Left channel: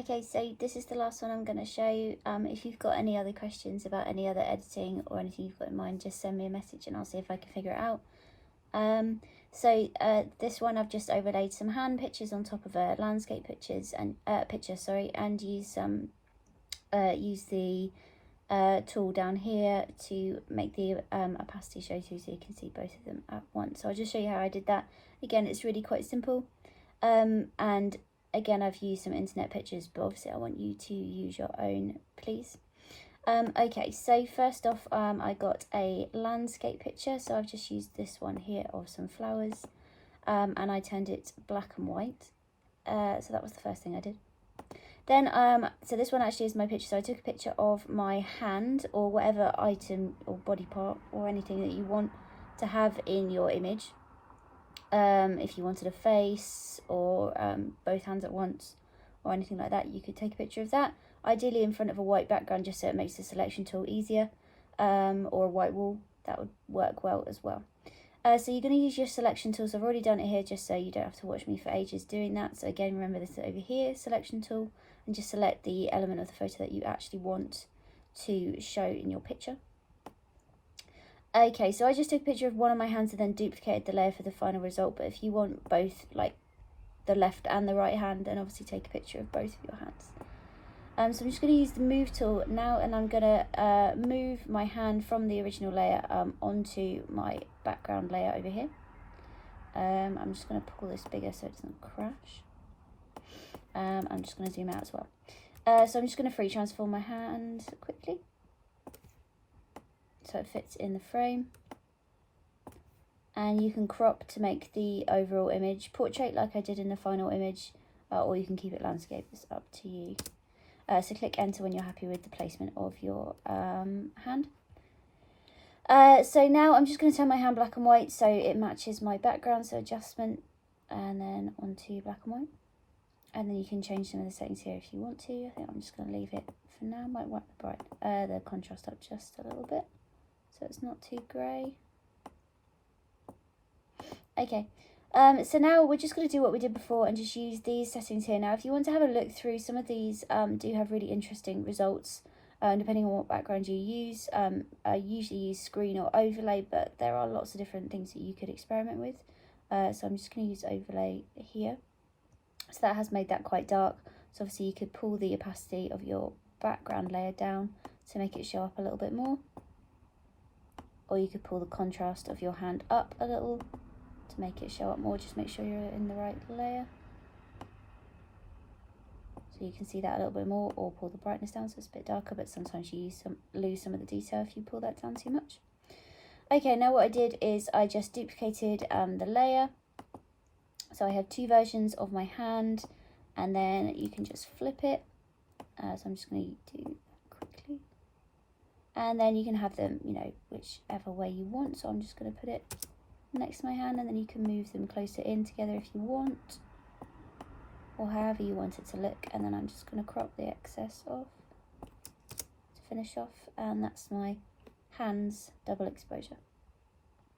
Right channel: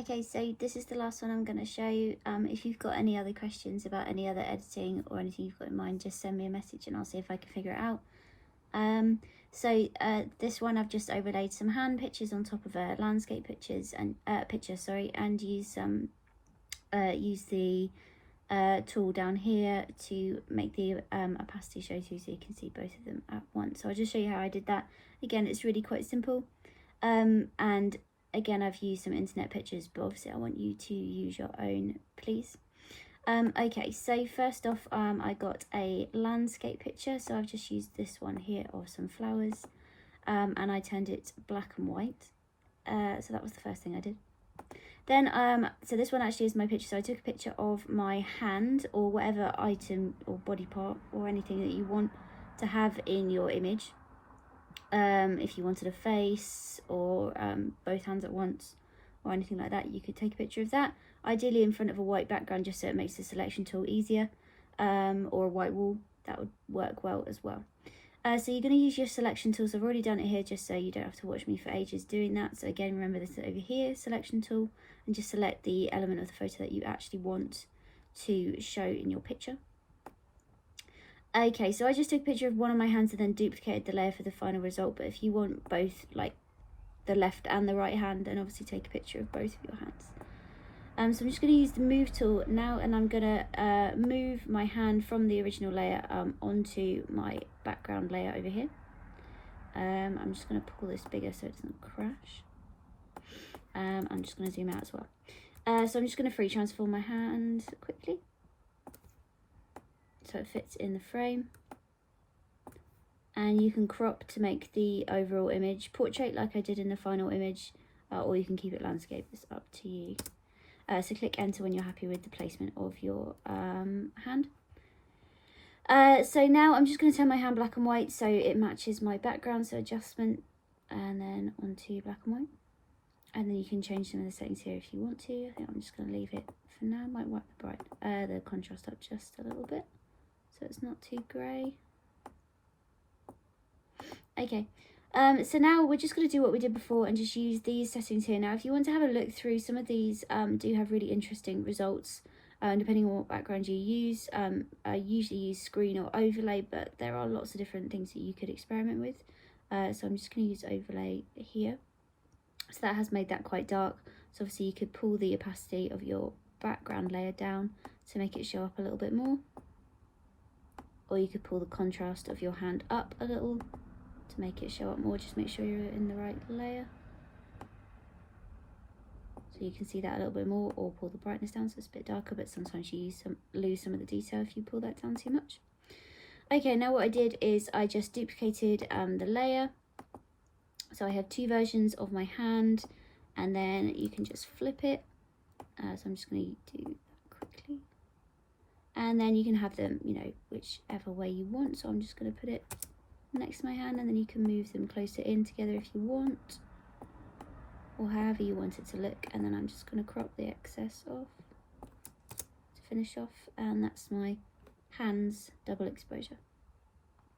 Okay, so this is the last one I'm going to show you. If you've got any other questions about any other editing or anything you've got in mind, just send me a message and I'll see if I can figure it out. This one I've just overlaid some hand pictures on top of a landscape picture, and use the tool down here to make the opacity show through so you can see both of them at once. So I'll just show you how I did that. Again, it's really quite simple, and again I've used some internet pictures, but obviously I want you to use your own, please. Okay, so first off, I got a landscape picture, so I've just used this one here of some flowers, and I turned it black and white. So that was the first thing I did. Then, so this one actually is my picture. So I took a picture of my hand or whatever item or body part or anything that you want to have in your image. If you wanted a face or both hands at once or anything like that, you could take a picture of that. Ideally in front of a white background, just so it makes the selection tool easier, or a white wall. That would work well as well. So you're going to use your selection tools. I've already done it here just so you don't have to watch me for ages doing that. So again, remember this over here, selection tool, and just select the element of the photo that you actually want to show in your picture. Okay, so I just took a picture of one of my hands and then duplicated the layer for the final result. But if you want both, like the left and the right hand, then obviously take a picture of both of your hands. So I'm just going to use the move tool now, and I'm going to move my hand from the original layer onto my background layer over here. I'm just going to pull this bigger so it doesn't crash. I'm just going to zoom out as well. So I'm just going to free transform my hand quickly so it fits in the frame. And you can crop to make the overall image portrait like I did in the final image, or you can keep it landscape. It's up to you. So click enter when you're happy with the placement of your hand. So now I'm just going to turn my hand black and white so it matches my background. So adjustment and then onto black and white. And then you can change some of the settings here if you want to. I think I'm just going to leave it for now. Might wipe the contrast up just a little bit so it's not too grey. Okay. So now we're just going to do what we did before and just use these settings here. Now, if you want to have a look through, some of these do have really interesting results depending on what background you use. I usually use screen or overlay, but there are lots of different things that you could experiment with. So I'm just going to use overlay here. So that has made that quite dark. So obviously you could pull the opacity of your background layer down to make it show up a little bit more. Or you could pull the contrast of your hand up a little to make it show up more. Just make sure you're in the right layer so you can see that a little bit more, or pull the brightness down so it's a bit darker, but sometimes you lose some of the detail if you pull that down too much. Okay, now what I did is I just duplicated the layer, so I have two versions of my hand, and then you can just flip it. So I'm just going to do that quickly, and then you can have them, you know, whichever way you want. So I'm just going to put it next to my hand, and then you can move them closer in together if you want, or however you want it to look. And then I'm just going to crop the excess off to finish off, and that's my hands double exposure.